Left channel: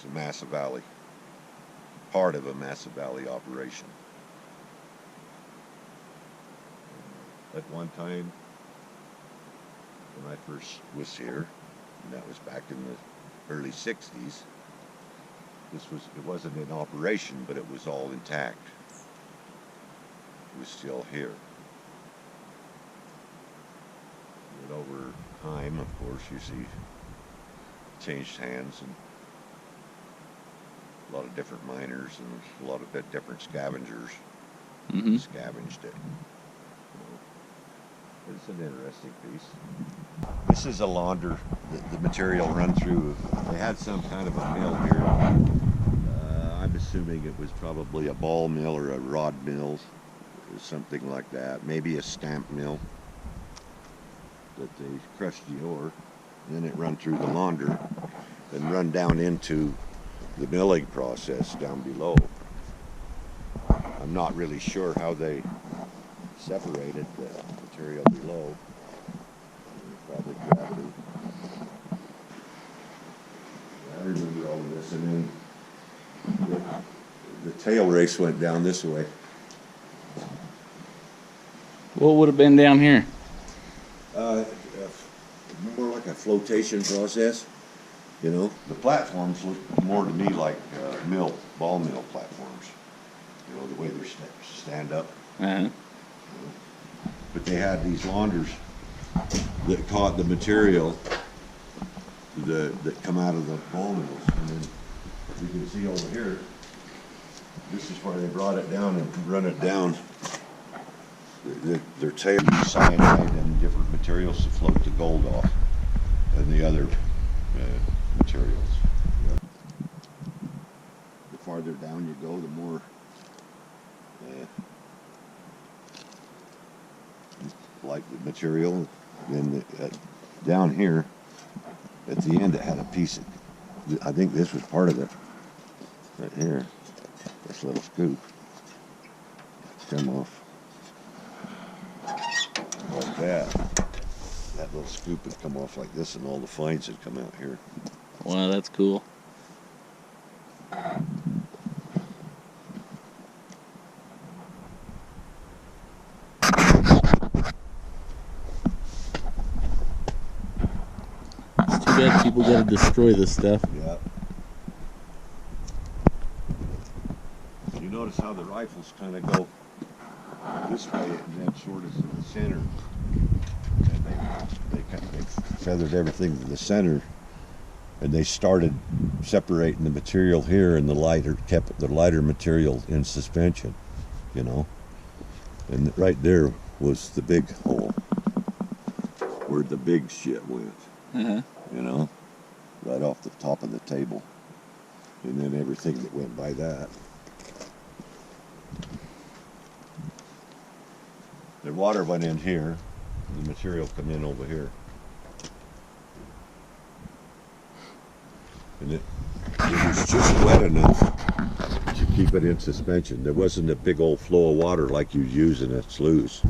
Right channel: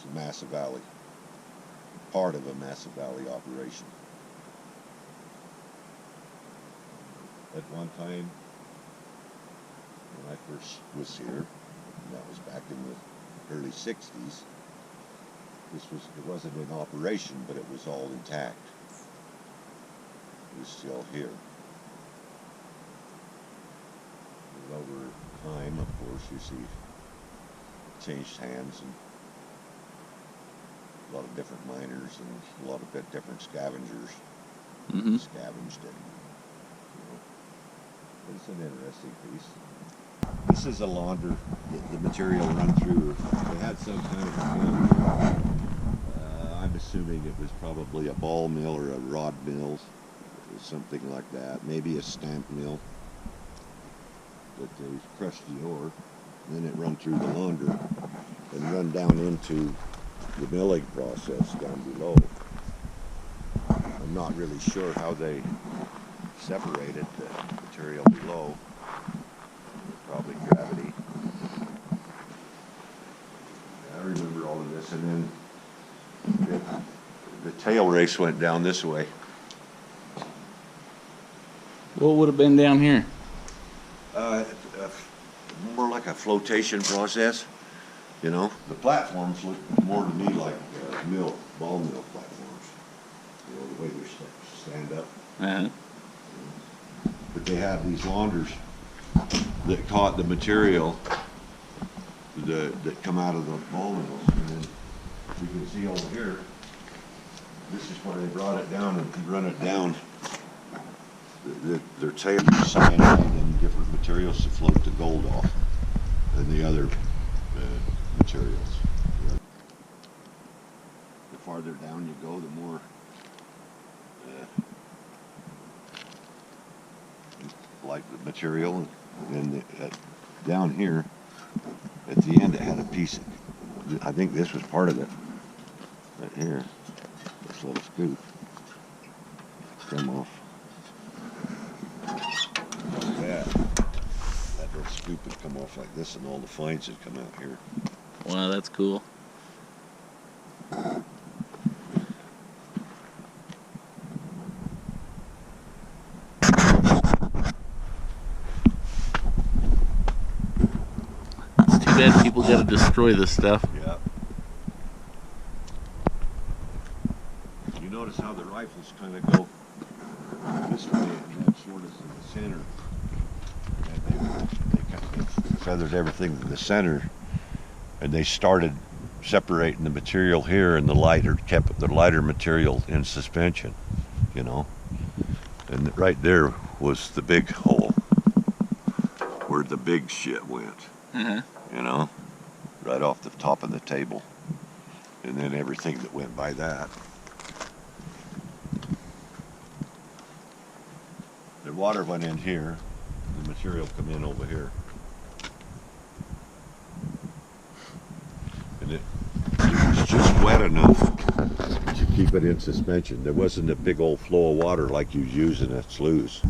It's Amasa Valley, part of Amasa Valley operation. At one time, when I first was here, and that was back in the early 60s, it wasn't in operation, but it was all intact. It was still here. And over time, of course, you see changed hands, and a lot of different miners and a lot of different scavengers scavenged it, you know. But it's an interesting piece. This is a launder. The material run through. They had some kind of a mill here. I'm assuming it was probably a ball mill or a rod mill, something like that. Maybe a stamp mill that they crushed the ore. Then it run through the launder and run down into the milling process down below. I'm not really sure how they separated the material below. Probably gravity. I remember all of this, and then the tail race went down this way. What would have been down here? More like a flotation process, you know. The platforms look more to me like ball mill platforms, you know, the way they stand up. Uh-huh. You know. But they had these launders that caught the material that come out of the ball mills, and then you can see over here, this is where they brought it down and run it down. Their tail used cyanide and different materials to float the gold off, and the other materials. The farther down you go, the more like the material. And then down here, at the end, it had a piece of, I think this was part of it, right here, this little scoop, come off like that. That little scoop would come off like this, and all the fines would come out here. Wow, that's cool. It's too bad people got to destroy this stuff. Yeah. You notice how the rifles kind of go this way, and then sort of to the center, and they feathered everything to the center, and they started separating the material here, and kept the lighter material in suspension, you know. And right there was the big hole where the big shit went, you know, right off the top of the table, and then everything that went by that. The water went in here, the material come in over here. And it was just wet enough to keep it in suspension. There wasn't a big old flow of water like you use in a sluice.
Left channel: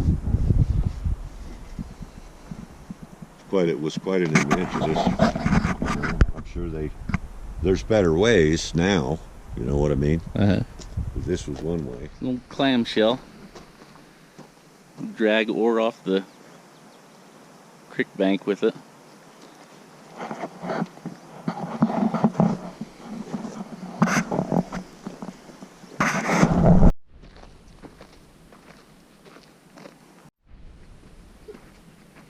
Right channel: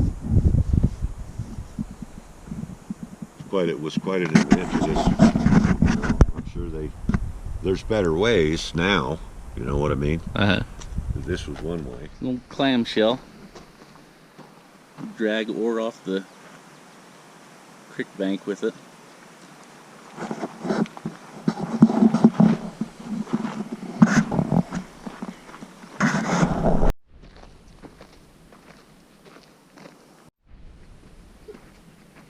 It was quite an invention. You know, I'm sure there's better ways now, you know what I mean? Uh-huh. But this was one way. Little clamshell. Drag ore off the creek bank with it.